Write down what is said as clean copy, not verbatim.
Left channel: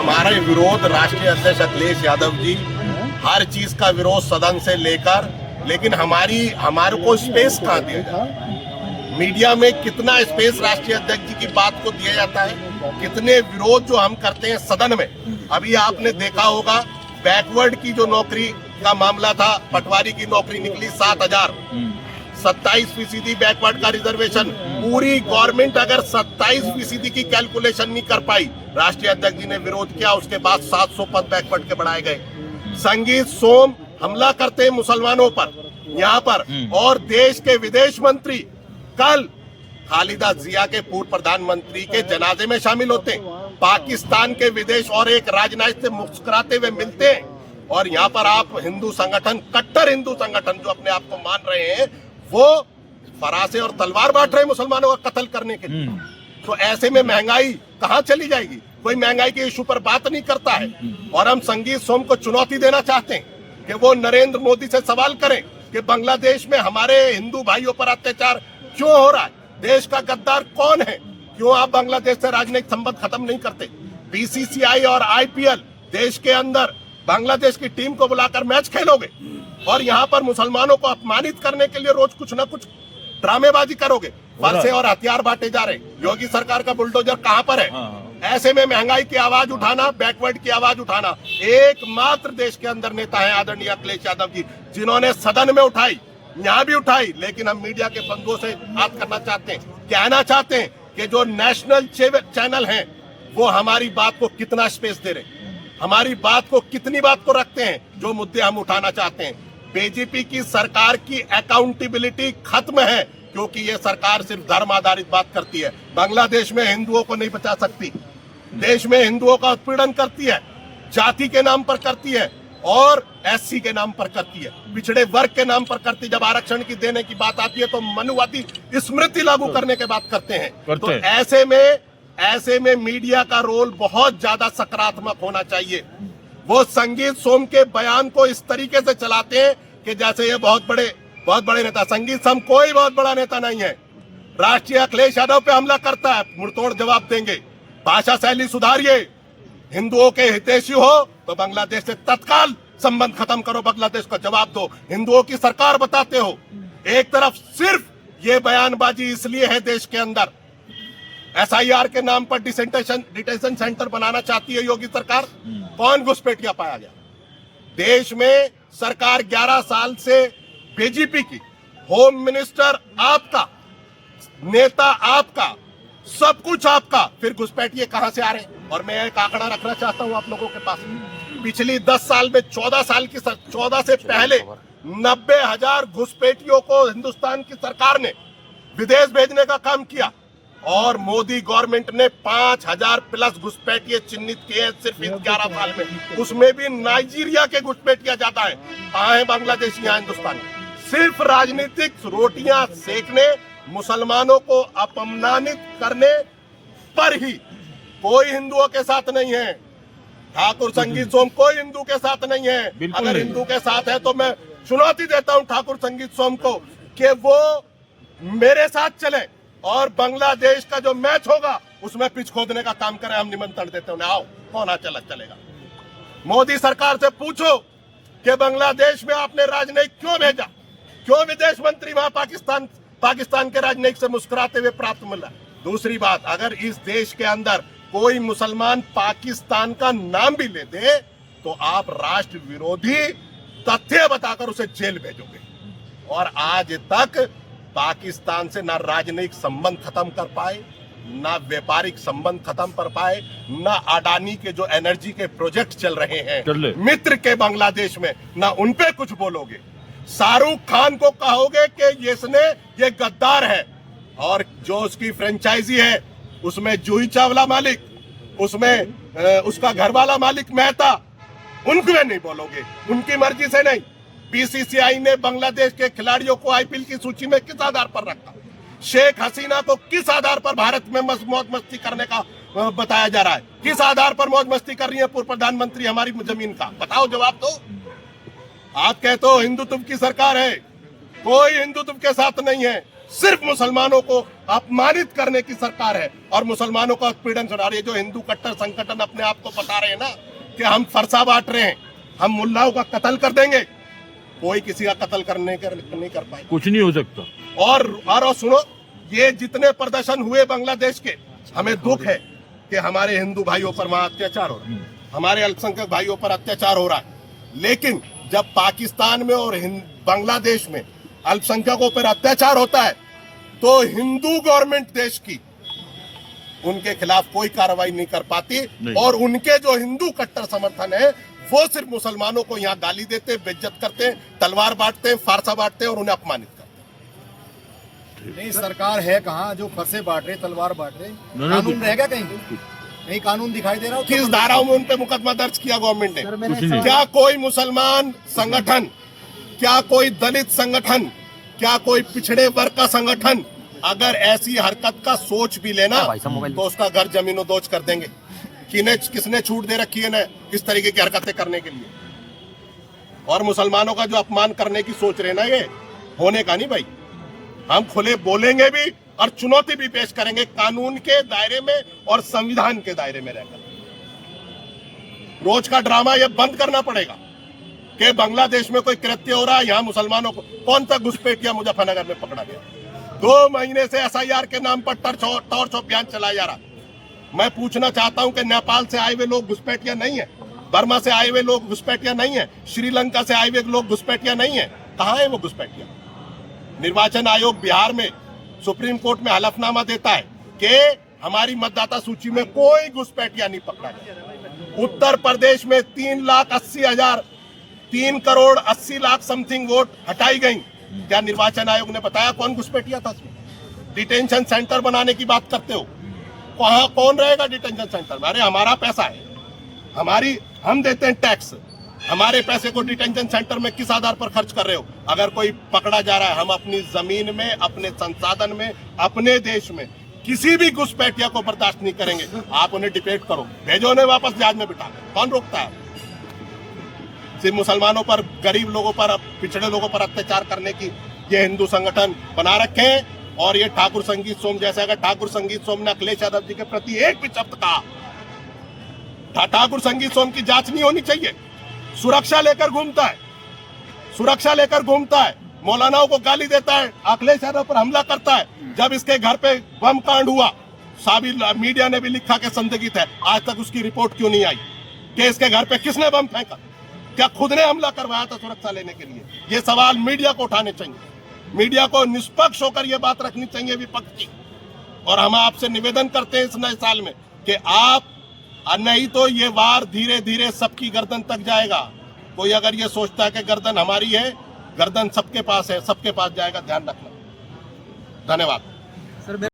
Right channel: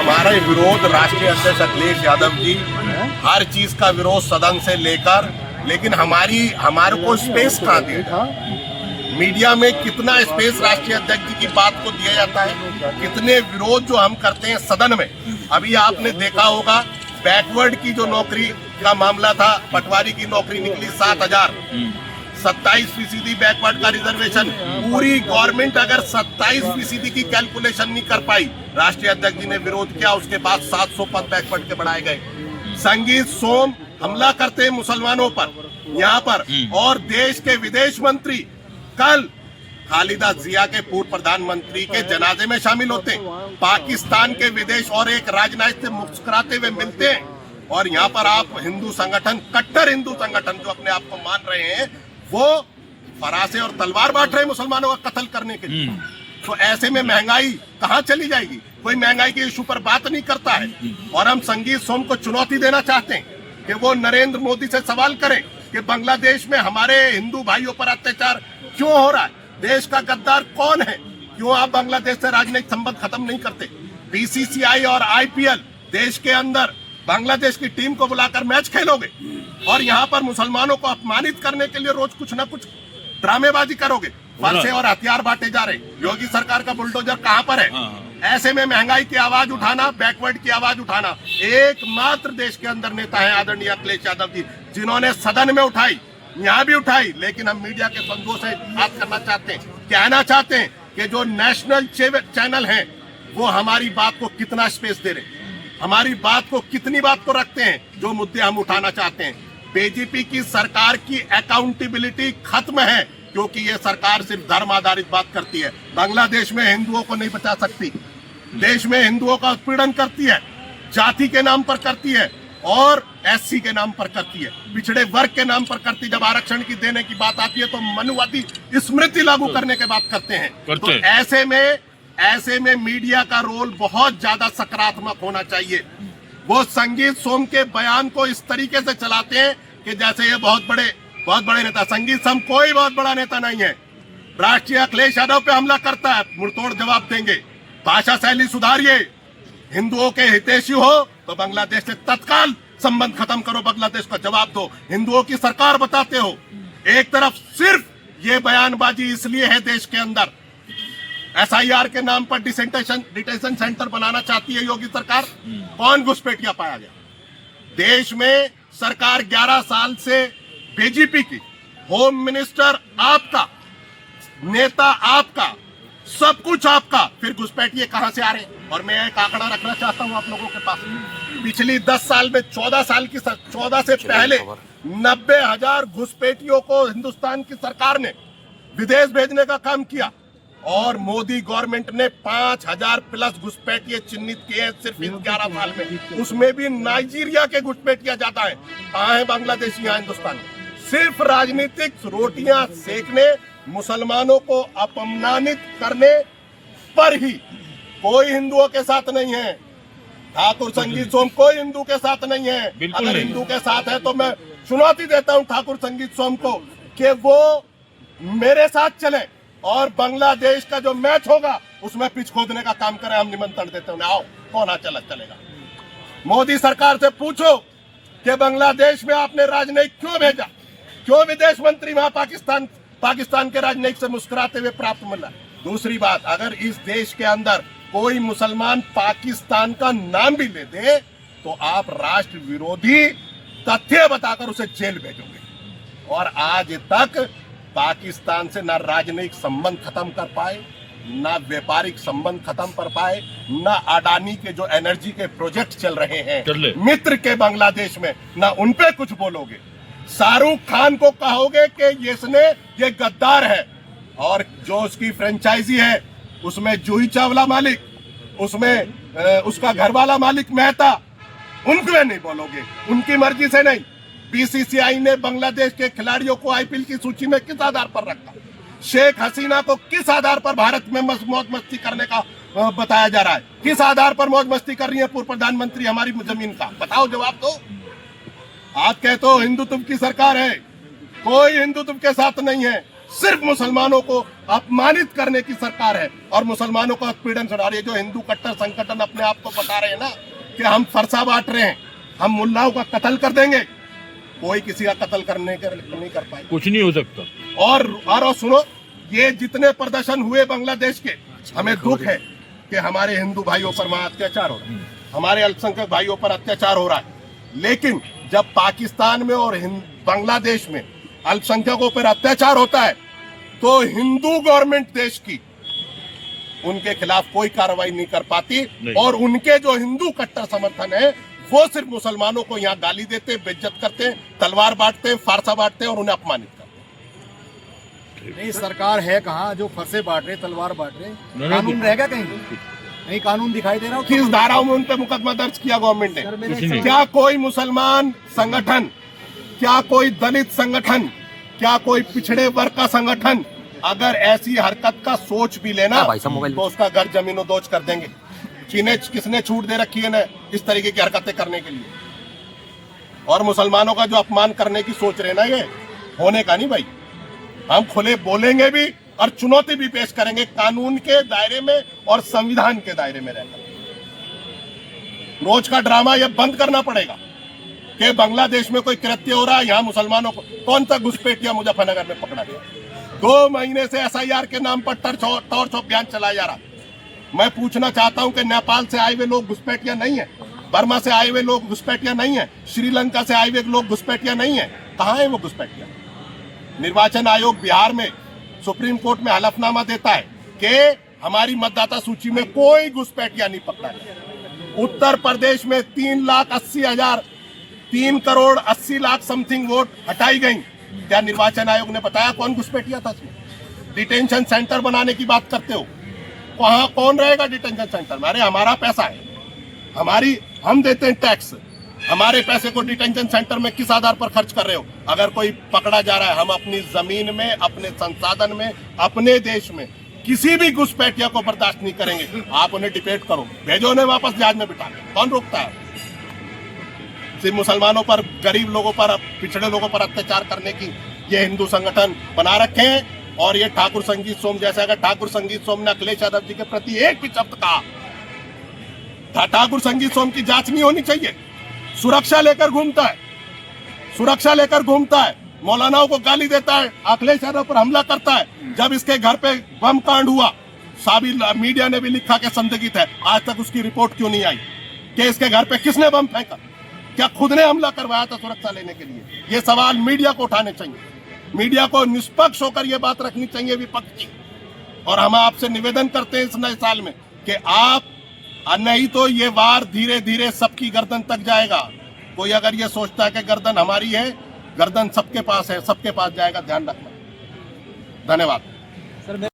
हमारा विरोध राष्ट्रीय अध्यक्ष अखिलेश यादव जी हर चीज का विरोध सदन से लेकर, लेकिन हमारे को स्पेस कहाँ दिया? मीडिया में कितना स्पेस राष्ट्रीय अध्यक्ष जी की बात को दिया जाता है? कितने विरोध जो हम करते हैं सदन में। अभी आपने देखा होगा बैकवर्ड की जो नौकरी का मामला था, पटवारी की नौकरी निकली 7,000, 27% बैकवर्ड का रिजर्वेशन। पूरी गवर्नमेंट अगर 27% की कैलकुलेशन नहीं कर पाई, राष्ट्रीय अध्यक्ष जी ने विरोध किया, उसके बाद 700 पद बैकवर्ड के बढ़ाए गए। संगीत सोम हमला करते हैं मुसलमानों पर यहाँ पर, और देश के विदेश मंत्री कल खालिदा जिया के पूर्व प्रधानमंत्री के जनाजे में शामिल होते हैं, पाकिस्तान के विदेश और एक राजनायिक से मुस्कुराते हुए मिलते हैं, और यहाँ पर आप हिंदू संगठन, कट्टर हिंदू संगठन जो अपने आप को मान रहे हैं, वो फरासे और तलवार बांट रहे हैं मुसलमानों का कत्ल करने के लिए। तो ऐसे में महंगाई कहाँ चली जाएगी? कोई महंगाई के इशू पर बात नहीं करता है। और हम संगीत सोम को चुनौती देना चाहते हैं कि वो नरेंद्र मोदी से सवाल करें कि बांग्लादेश में हमारे हिंदू भाइयों पर अत्याचार क्यों हो रहा है? देश का गद्दार कौन है? क्यों आप बांग्लादेश से राजनयिक संबंध खत्म नहीं करते? बीसीसीआई और आईपीएल देश के अंदर बांग्लादेश की टीम को बुलाकर मैच खेलोगे, और यहाँ पर मुसलमानों को अपमानित करने के लिए रोज कुछ न कुछ ड्रामेबाजी करोगे। फरसे और हथियार बांटे जा रहे। योगी सरकार का बुलडोजर कहाँ पर है? ऐसे में महंगाई की आवाज उठाना, बैकवर्ड की आवाज उठाना, एकमात्र देश के अंदर नेता है आदरणीय अखिलेश यादव जी, जिन्होंने सदन में उठाई, यहाँ भी उठाई। लेकिन हम मीडिया के बंधुओं से बात करना चाहते हैं, कहना चाहते हैं कि जो नेशनल चैनल हैं वो हमारी बात को कितना स्पेस दे रहे हैं, हमारी बात को कितनी बात को रखते हैं, जो मुद्दे हम उठाना चाहते हैं। बीजेपी की सरकार की अकाउंटेबिलिटी खत्म है, क्योंकि ये सरकार सिर्फ धर्म आधारित बात करती है। बांग्लादेश में हिंदुओं को नहीं बचा सकती, देश में हिंदुओं का उत्पीड़न करती है, जाति के नाम पर करती है और एससी के नाम पर करती है, पिछड़े वर्ग के नाम पर करती है। जब आरक्षण की देने की बात आती है तो मनुवादी स्मृति लागू करने की बात करते हैं। तो ऐसे में मीडिया का रोल बहुत ज्यादा सकारात्मक होना चाहिए। वो संगीत सोम के बयान को इस तरीके से चलाते हैं कि जैसे ये बहुत बड़े नेता। संगीत सोम कोई बहुत बड़ा नेता नहीं है। राष्ट्रीय अखिलेश यादव पे हमला करता है, मुंहतोड़ जवाब देंगे। भाषा शैली सुधारिए, हिंदुओं के हितैषी हो तो बांग्लादेश से तत्काल संबंध खत्म करो, बांग्लादेश का जवाब दो। हिंदुओं की सरकार बताते हो, एक तरफ सिर्फ ये बयानबाजी इसलिए है देश के अंदर एसआईआर के नाम पर डिटेंशन सेंटर बनाना चाहती है योगी सरकार। कौन घुसपैठिया पाया गया? देश में सरकार 11 साल से बीजेपी की, होम मिनिस्टर आपका, नेता आपका, सब कुछ आपका, फिर घुसपैठिए कहां से आ रहे? और मैं एक आंकड़ा रखना चाहता हूं आप लोगों के पास। पिछली 10 साल में 14 से पहले 90,000 घुसपैठियों को हिंदुस्तान की सरकार ने विदेश भेजने का काम किया, और मोदी गवर्नमेंट ने 5,000 प्लस घुसपैठिए चिन्हित किए हैं सिर्फ इन 11 साल में। उसमें भी नाइजीरिया के घुसपैठिया ज्यादा है। कहाँ है बांग्लादेशी यहाँ हिंदुस्तान में? सिर्फ राजनीतिक रोटियां सेकने, मुसलमानों को अपमानित करने पर ही। कोई हिंदुओं के साथ नहीं है। ठाकुर संगीत सोम कोई हिंदू के साथ नहीं है। अगर हिंदू के साथ है तो मैं चुनौती देता हूं ठाकुर संगीत सोम को कि वो मेरे साथ चले और बांग्लादेश का जो मैच होगा उसमें पिच खोदने का काम करें। हम निमंत्रण देते हैं, आओ, कौन चलेगा। मोदी सरकार से पूछो कि बांग्लादेश में आपने राजनयिक क्यों भेजा, क्यों विदेश मंत्री वहां पाकिस्तान के राजनयिक से मुस्कुराते हुए प्राप्त मिला। दूसरी बात, अगर इस देश के अंदर कोई मुसलमान पाकिस्तान का नाम भी ले दे तो आप राष्ट्र विरोधी तथ्य बताकर उसे जेल भेजोगे। और आज तक पाकिस्तान से ना राजनयिक संबंध खत्म कर पाए, ना व्यापारिक संबंध खत्म कर पाए, ना अडानी के जो एनर्जी के प्रोजेक्ट चल रहे हैं मित्र के बांग्लादेश में, ना उन पे कुछ बोलोगे। शाहरुख खान को कहोगे कि ये गद्दार है, और जो उसकी फ्रेंचाइजी है उसमें जूही चावला मालिक, उसमें उसका घरवाला मालिक मेहता, उनको नहीं बोलोगे, उनकी मर्जी से नहीं। बीसीसीआई ने बांग्लादेश के खिलाड़ियों को आईपीएल की सूची में किस आधार पर रखा? शेख हसीना को किस आधार पर भारत में मौज मस्ती करने का बताया जा रहा है? किस आधार पर मौज मस्ती कर रही है पूर्व प्रधानमंत्री हमारी जमीन का? बताओ, जवाब दो। आप कहते हो हिंदुत्व की सरकार है, कोई हिंदुत्व के साथ नहीं है। सिर्फ मुसलमानों को अपमानित करने की सरकार है और मुसलमानों का उत्पीड़न सुना रही है। जो हिंदू कट्टर संगठन अपने आप को बता रहे हैं ना कि हम फरसा बांट रहे हैं, हम मुल्लाओं का कत्ल कर देंगे, कोई किसी का कत्ल नहीं कर पाए, कुछ नहीं हो सकता। और सुनो, ये जितने प्रदर्शन हुए बांग्लादेश के, हमें दुख है कि हमारे हिंदू भाइयों पर वहां अत्याचार हो रहा है, हमारे अल्पसंख्यक भाइयों पर अत्याचार हो रहा है। लेकिन जब पाकिस्तान में और बांग्लादेश में अल्पसंख्यकों पर अत्याचार होता है तो हिंदू गवर्नमेंट देश की उनके खिलाफ कोई कार्रवाई नहीं कर पाती और उनके जो हिंदू कट्टर समर्थन है वो सिर्फ मुसलमानों को यहाँ गाली देते, बेइज्जत करते, तलवार बांटते, फारसा बांटते और उन्हें अपमानित करते। नहीं, सरकार है कहाँ जो फरसे बांट रहे, तलवार बांट रहे? कानून रहेगा कहीं? नहीं कानून दिखाई दे रहा। किस धाराओं में उन पे मुकदमा दर्ज किया गवर्नमेंट ने? क्या कोई मुसलमान संगठन, क्या कोई दलित संगठन, क्या कोई पिछड़े वर्ग का संगठन अगर ऐसी हरकत का सोच भी लेना तो उसका घर जमीनों दोज कर देंगे। किसने छूट दे रखी है ना इस तरीके की हरकतें करने के लिए? और मुसलमानों का जो अपमान करने की सोच रहे ना, ये होने का नहीं भाई। हम खुले बोलेंगे भी और चुनौती भी पेश करेंगे कानून के दायरे में और संविधान के दायरे में रहकर। रोज का ड्रामा ये बंद करना पड़ेगा कि बांग्लादेश में कोई कृत्य हो रहा है, यहाँ मुसलमानों को कौन सा घुसपैठिया मुजफ्फरनगर में पकड़ा गया? 2 महीने से SIR के नाम पर टॉर्च अभियान चलाया जा रहा। मैं पूछना चाहता हूं कि नेपाल से आए हुए लोग घुसपैठिया नहीं है, बर्मा से आए हुए लोग घुसपैठिया नहीं है, श्रीलंका से आए हुए लोग घुसपैठिया नहीं है? कहाँ है वो घुसपैठिया? निर्वाचन आयोग बिहार में सुप्रीम कोर्ट में हलफनामा देता है कि हमारी मतदाता सूची में कोई घुसपैठिया नहीं पकड़ा गया। उत्तर प्रदेश में 3 करोड़ 80 लाख समथिंग वोट हटाई गई। क्या निर्वाचन आयोग ने बताया कौन घुसपैठिया था? डिटेंशन सेंटर बनाने की बात करते हो, वहां कौन रहेगा डिटेंशन सेंटर में? अरे हमारा पैसा है, हम देते हैं टैक्स, हमारे पैसे को डिटेंशन सेंटर में किस आधार पर खर्च कर रहे हो? अगर कोई पकड़ा जा रहा है, हम अपनी जमीन में, अपने संसाधन में, अपने देश में किसी भी घुसपैठिया को बर्दाश्त नहीं करेंगे। आप उन्हें डिटेट करो, भेजो उन्हें वापस जहाज में बिठा, कौन रोकता है? सिर्फ मुसलमानों पर, गरीब लोगों पर, पिछड़े लोगों पर अत्याचार करने की ये हिंदू संगठन बना रखे हैं। और ये ठाकुर संगीत सोम जैसे, अगर ठाकुर संगीत सोम ने अखिलेश यादव जी के प्रति एक भी शब्द कहा, ठाकुर संगीत सोम की जांच नहीं होनी चाहिए। सुरक्षा लेकर घूमता है, मौलानाओं को गाली देता है, अखिलेश यादव पर हमला करता है। जब इसके घर पे बम कांड हुआ, साबिर मीडिया ने भी लिखा कि संदिग्ध है, आज तक उसकी रिपोर्ट क्यों नहीं आई कि इसके घर पे किसने बम फेंका? क्या खुद ने हमला करवाया था सुरक्षा लेने के लिए? ये सवाल मीडिया को उठाने चाहिए, मीडिया को निष्पक्ष होकर ये बात रखनी चाहिए विपक्ष की। और हम आपसे निवेदन करते हैं इस नए साल में कि आप, नहीं तो ये वार धीरे धीरे सबकी गर्दन तक जाएगा। कोई अगर ये सोचता है कि गर्दन हमारी है, गर्दन सबके पास है, सबके पास जाएगा, ध्यान रखना। धन्यवाद।